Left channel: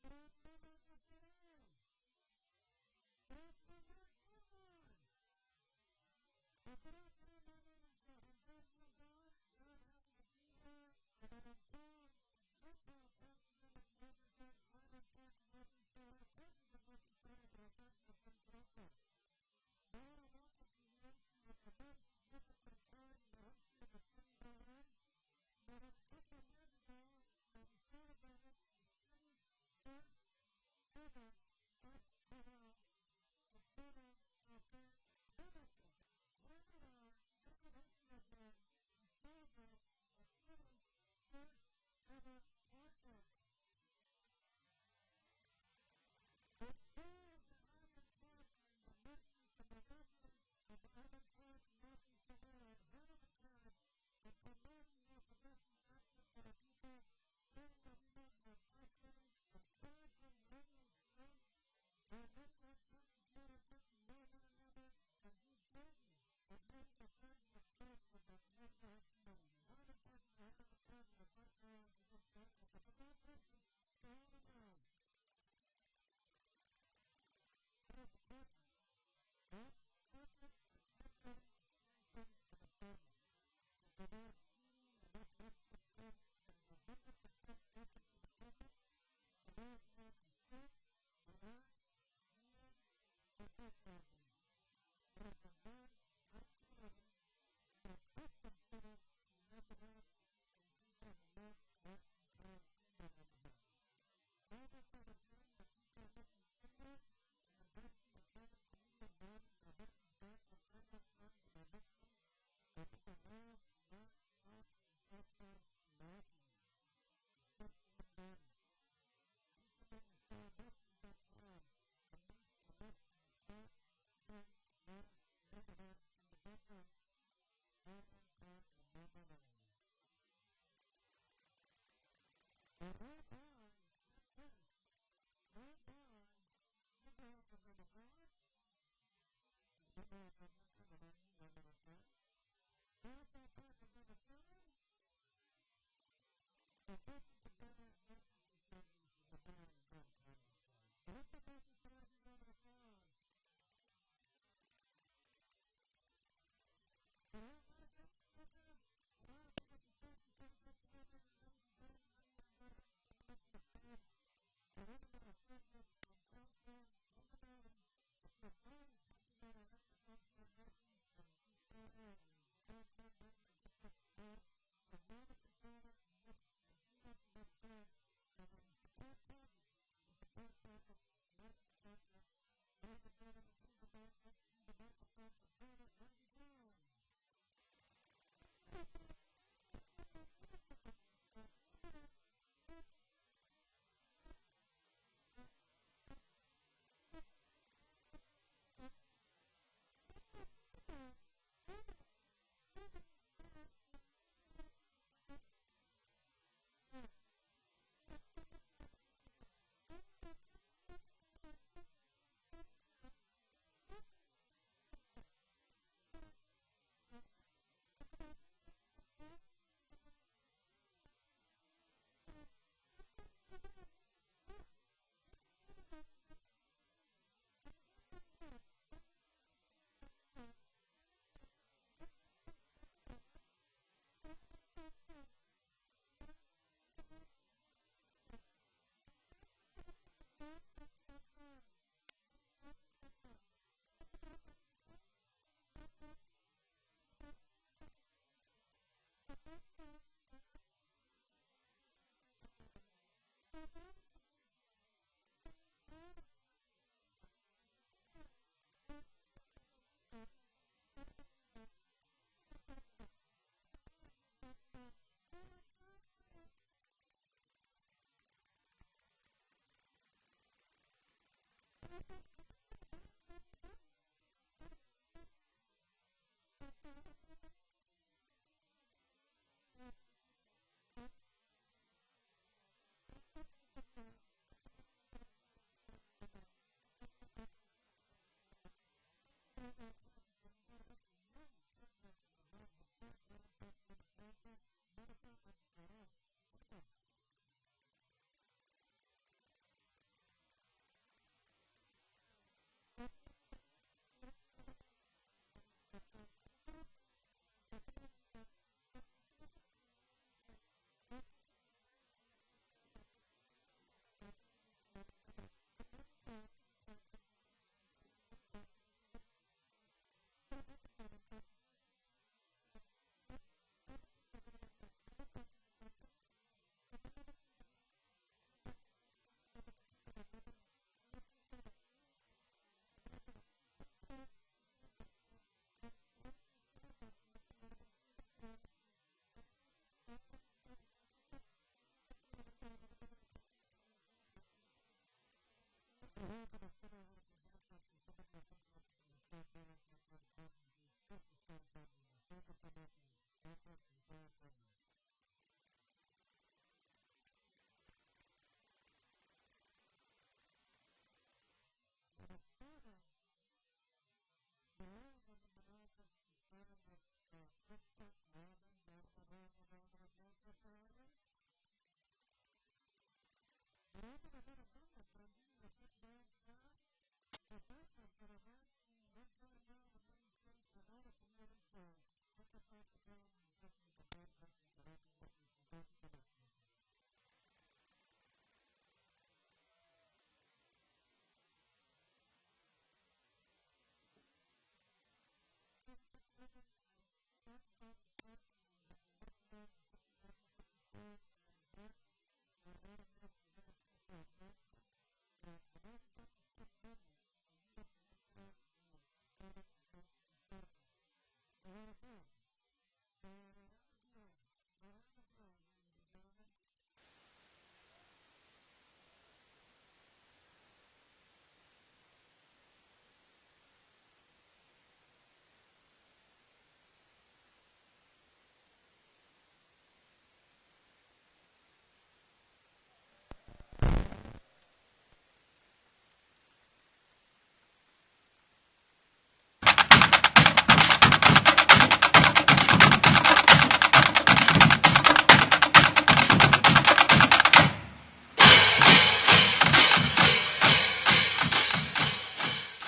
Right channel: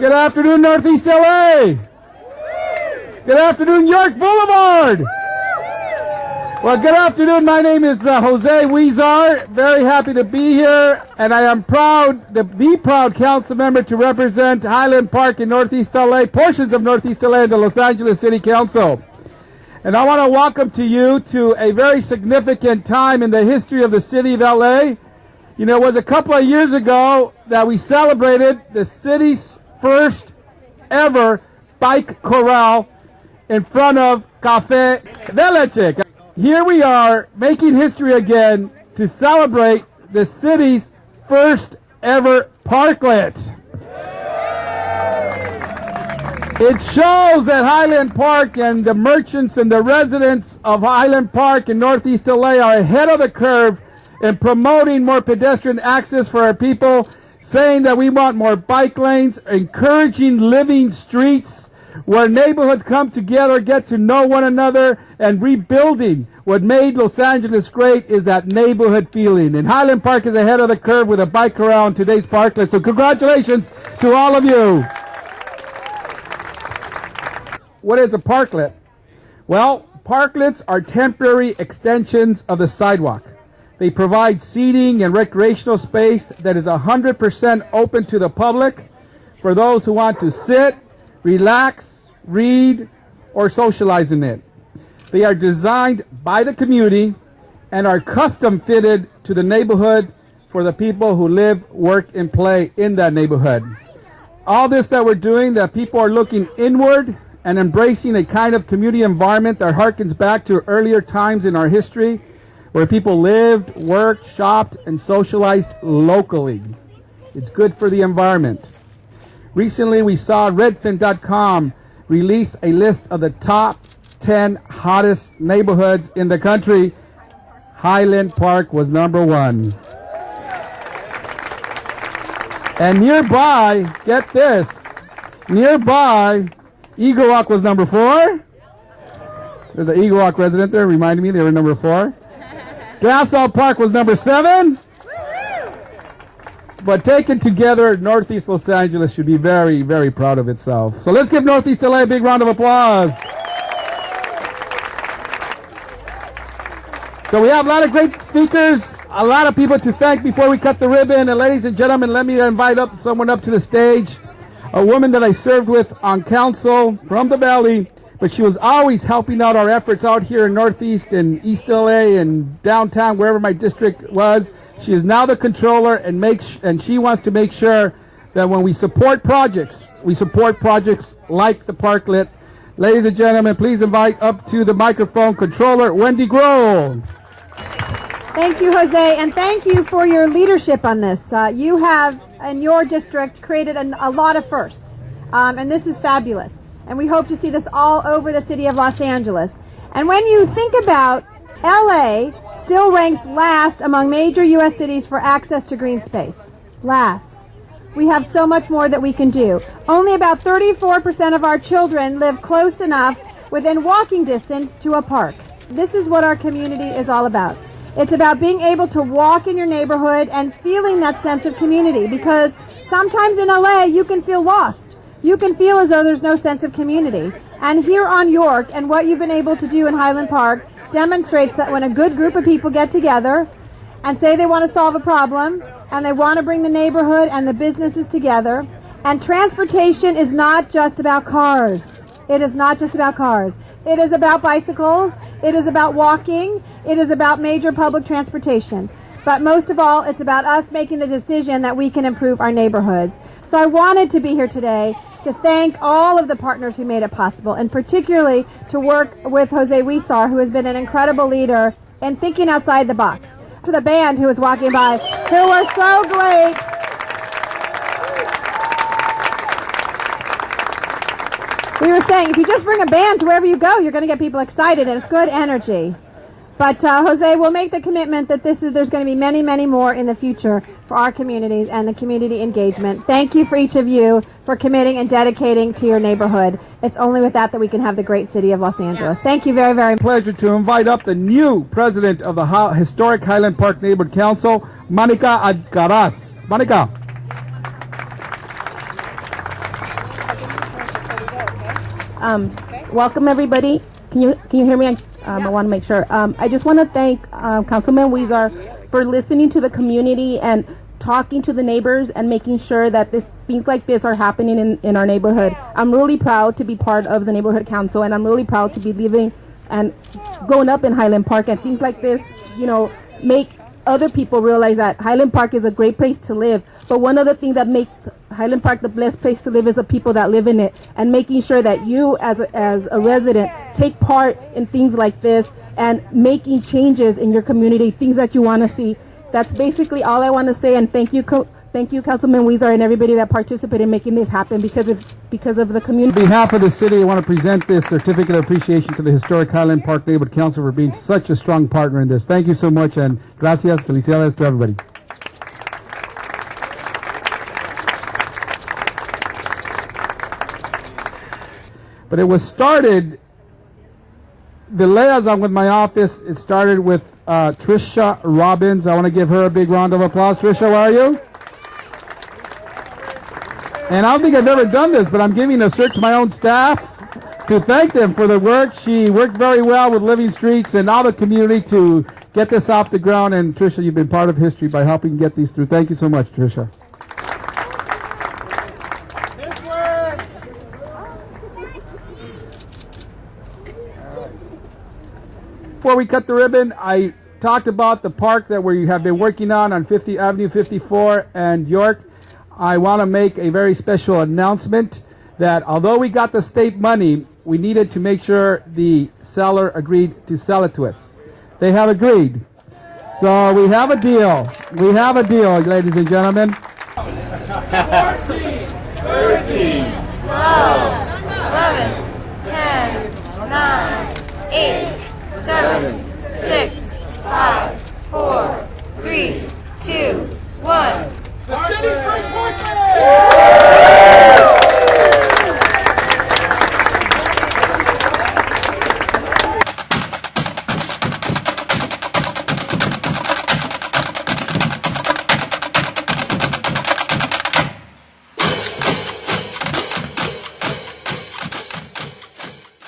Good afternoon, Northeast LA. Good afternoon, York Boulevard. Well, good afternoon. My name is Jose Huizar. Very happy to be here, and I am proud, the proud council member to represent Highland Park in Northeast LA, portions of Northeast LA and the Los Angeles City Council. And I want to welcome to you to a very significant time in the history of the city of LA. You know, it was a couple of years ago that we celebrated the city's first ever bike corral in front of Cafe de Leche. Here we are making history again to celebrate the city's first ever parklet. It shows that Highland Park and the merchants and the residents of Highland Park in Northeast LA are ahead of the curve in promoting more pedestrian access for our people, saying that we want more bike lanes, encouraging living streets where neighborhoods come together, get to know one another, and rebuilding. What made Los Angeles great is that neighborhood feeling. And Highland Park is ahead of the curve with a bike corral in today's parklet. So congratulations to all of you. What is a parklet? Well, parklets are temporary extensions of the sidewalk. They provide seating and recreational space that is 100% open to the public for those who want to sit, relax, read, or socialize in it. They are designed by the community and are custom fitted to the neighborhood for the people who live, work, and play in that neighborhood. All this that we're doing, that people are looking inward and embracing a kind of community environment that harkens back to earlier times in our history where people lived, worked, shopped, and socialized locally. It's good for the environment. Recently, we saw Redfin.com release a list of the top 10 hottest neighborhoods in the country. Highland Park was number 1. And nearby, get this, nearby, Eagle Rock was number 4. There's an Eagle Rock resident there, reminded me they were number 4. Glassell Park was number 7. But taken together, Northeast Los Angeles should be very, very proud of itself. So let's give Northeast LA a big round of applause. So we have a lot of great speakers, a lot of people to thank before we cut the ribbon. And ladies and gentlemen, let me invite someone up to the stage. A woman that I served with on council from the Valley, but she was always helping out our efforts out here in Northeast and East LA and downtown, wherever my district was. She is now the controller, and she wants to make sure that when we support projects like the parklet. Ladies and gentlemen, please invite up to the microphone Controller Wendy Grohl. Thank you, Jose, and thank you for your leadership on this. You have, in your district, created a lot of firsts, and this is fabulous. And we hope to see this all over the city of Los Angeles. And when you think about LA, still ranks last among major U.S. cities for access to green space. Last. We have so much more that we can do. Only about 34% of our children live close enough within walking distance to a park. This is what our community is all about. It's about being able to walk in your neighborhood and feeling that sense of community, because sometimes in LA you can feel lost. You can feel as though there's no sense of community. And here on York and what you've been able to do in Highland Park demonstrates that when a good group of people get together and say they want to solve a problem and they want to bring the neighborhood and the businesses together, and transportation is not just about cars. It is not just about cars. It is about bicycles. It is about walking. It is about major public transportation. But most of all, it's about us making the decision that we can improve our neighborhoods. So I wanted to be here today to thank all of the partners who made it possible, and particularly to work with Jose Huizar, who has been an incredible leader in thinking outside the box. To the band who was walking by, who were so great. We were saying, if you just bring a band to wherever you go, you're going to get people excited, and it's good energy. But Jose will make the commitment that there's going to be many, many more in the future for our communities and the community engagement. Thank you for each of you for committing and dedicating to your neighborhood. It's only with that we can have the great city of Los Angeles. Thank you very, very much. Pleasure to invite up the new president of the historic Highland Park Neighborhood Council, Monica Alcaraz. Monica. Welcome everybody. Can you hear me? I want to make sure. I just want to thank Councilman Weezer for listening to the community and talking to the neighbors and making sure that things like this are happening in our neighborhood. I'm really proud to be part of the neighborhood council, and I'm really proud to be living and growing up in Highland Park, and things like this, make other people realize that Highland Park is a great place to live. But one of the things that makes Highland Park the best place to live is the people that live in it, and making sure that you as a resident take part in things like this and making changes in your community, things that you want to see. That's basically all I want to say, and thank you Councilman Weezer and everybody that participated in making this happen, because it's because of the community. On behalf of the city, I want to present this certificate of appreciation to the historic Highland Park Neighborhood Council for being such a strong partner in this. Thank you so much, and gracias, felicidades to everybody. But it was started, the liaison with my office, it started with Trisha Robbins. I want to give her a big round of applause. Trisha, where are you? And I don't think I've ever done this, but I'm giving a cert to my own staff to thank them for the work. She worked very well with Living Streets and all the community to get this off the ground. And Trisha, you've been part of history by helping get these through. Thank you so much, Trisha. Before we cut the ribbon, I talked about the park that we have been working on 50 Avenue 54 and York. I want to make a very special announcement that although we got the state money, we needed to make sure the seller agreed to sell it to us. They have agreed. So we have a deal. We have a deal, ladies and gentlemen. 14, 13, 12, 11, 10, 9, 8, 7,